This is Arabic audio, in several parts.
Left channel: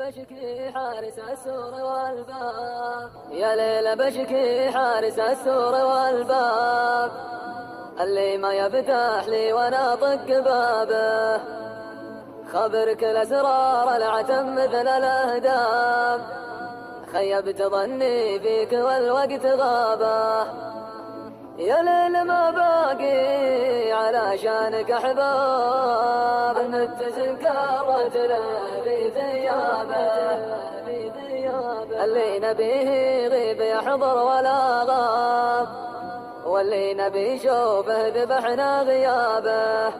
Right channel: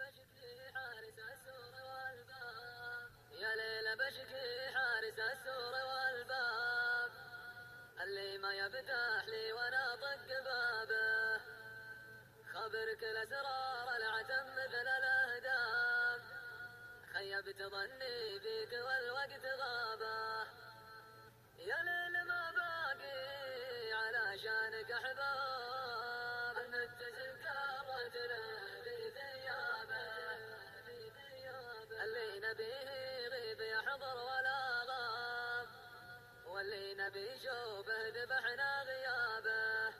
بشكي حارس السور والباب، يا ليل بشكي حارس السور والباب، اللي ما يفتح لي وانا طق بابه، خبرك الاسرار العتم مثل الاهداب، خيبت ظني فيك والوقت غابه، يا ليل ما باقي علشانك احباب، المتزن كرت له في ثيابه، اللي نبيه يغيب يحضر ولا غاب، واللي نبي يشوفه ذبحنا غيابه،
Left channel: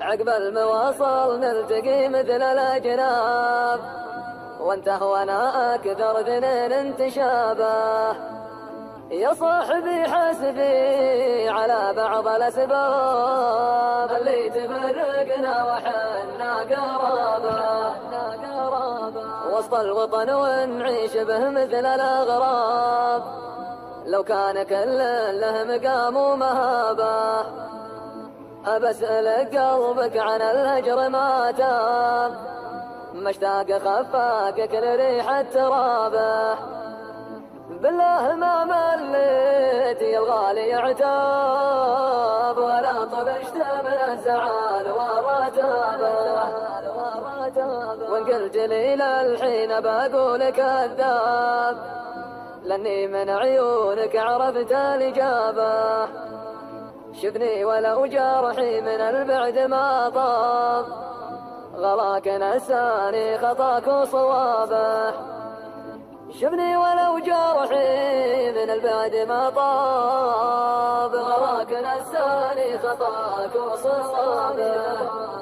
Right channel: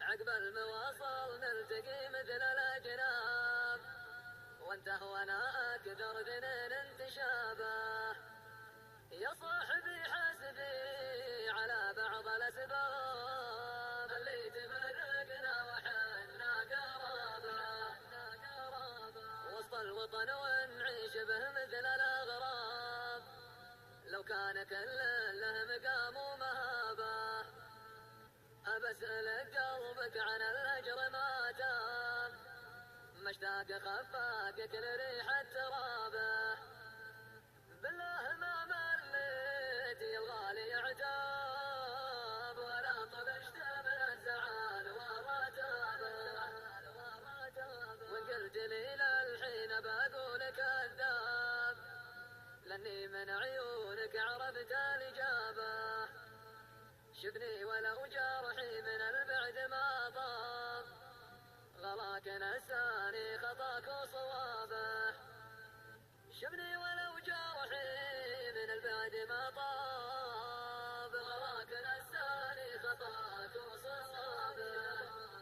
عقب المواصل نلتقي مثل الاجناب، وانت وانا اكثر ذنين انتشابه، يا صاحبي حسبي على بعض الأسباب اللي تفرقنا وحنا قرابة، وسط الوطن ونعيش به مثل الأغراب، لو كان كل له مقام ومهابة، أبسألك قلبك عن الهجر ما تاب، مشتاق خفاك كل ريحة ترابه، بالله ما مليت يا الغالي عتاب، ولا طبشت من الزعل والرتابة، وان قلت لي للحين بقول كذاب، لاني من عيونك عرفت الإجابة، شفني ولو جرحي من البعد ما طاب، غلاك نساني خطاك وصوابه، شفني ولو جرحي من البعد ما طاب، غراك نساني خطاك وصوابه.